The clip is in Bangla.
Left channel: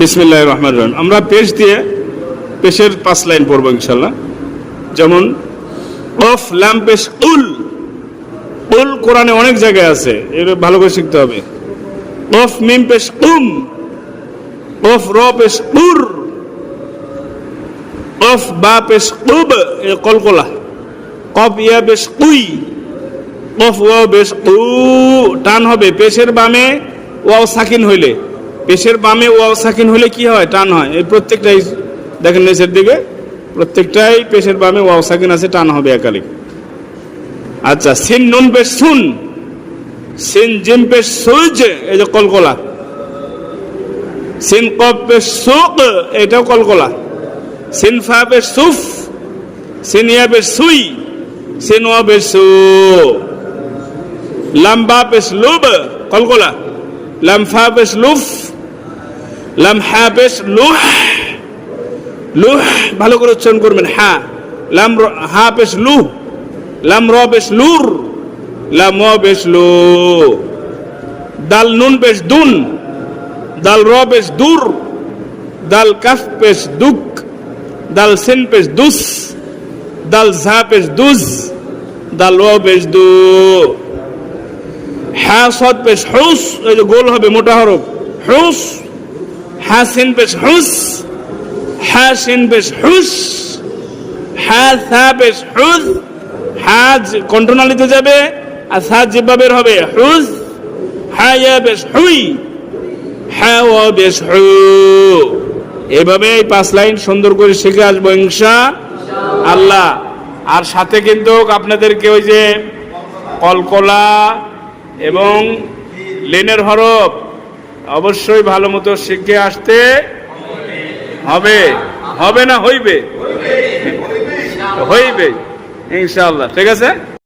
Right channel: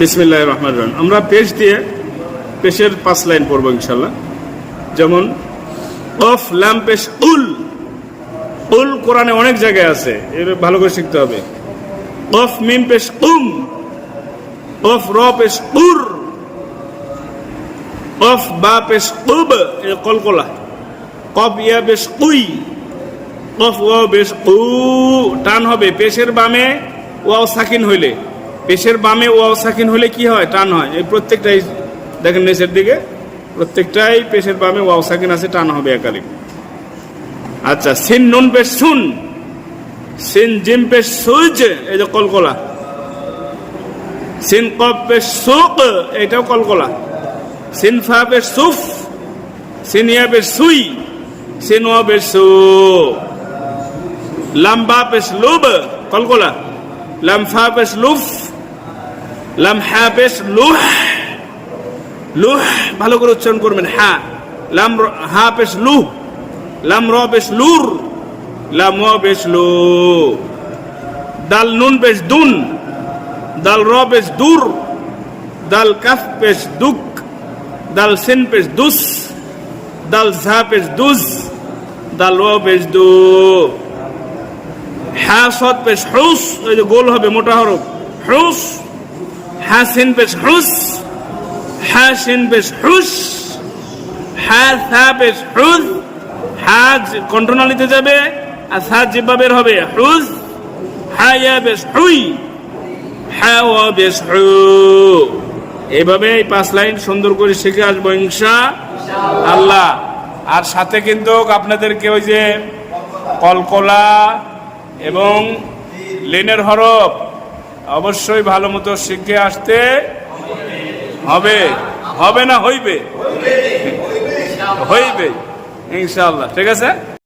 বিসমিল্লাহির রহমানির রহিম। আমরা পেশ দিয়ে পেশের 5 লাইন পড়বো ইনশাল্লাহ। যেমন অফ লাম পেশ উল, উল কোরআনে অনেক জায়গায় আছে, এর ভালো করে শিখতে হবে। অফ মিম পেশ উম, অফ র পেশ উর, অফ বা পেশ উব, এ কলকলা। কফ ইয়া পেশ উই, কফ ওয়া পেশ উ, টান হবে পেশের বামে ওয়াও সাকিন হইলে। পেশের বামে ওয়াও সাকিন হলে কি হয়? টান হয়। এই প্রত্যেকটাই দেখেন নিচের দিকে, প্রত্যেকটাই পেশের বামে ওয়াও সাকিন আছে, টান হবে একালে। আচ্ছা, সিন নুন পেশ সুন, সিন জিম পেশ সুজ, এই যে কলকলা। সিন কফ পেশ সুক, এটাও কলকলা। সিন ফা পেশ সুফ, সিন ইয়া পেশ সুই, সিন ওয়া পেশ সু। লাম বা পেশ লুব, কলকলা। লাম ফা পেশ লুফ, লাম হা পেশ লুহ, লুহ ভালো করে উচ্চারণ করবেন। হা লাম হা পেশ লুহ, লাম র পেশ লুর, লাম ওয়া পেশ লু। দাল নুন পেশ দুন, দাল র পেশ দুর, দাল কাফ পেশ দুক, দাল সিন পেশ দুস, দাল ঝা পেশ দুজ, দাল ওয়া পেশ দু। হা সদ পেশ হুস, এই যে গোল হবে মোটা হরফ, হুস। হা সিন পেশ হুস, হা সিন পেশ হুস, হা সা পেশ হুস। হা কন্ট্রোনালিতে যাবে আর সা জিব্বা বের হবে, হুস। হা ইয়া পেশ হুই, হা ওয়া পেশ হু। এইভাবে এই 5 লাইন সুন্দর করে শিখে আসবো ইনশাআল্লাহ। আর সাথে কিন্তু আপনাদেরকে ওই যে কলকলা এবং লেনের হরফ অবশ্যই ভালো মতো শিখে আসতে হবে। হবে না হইবে? হইবে ইনশাআল্লাহ। ঠিক আছে।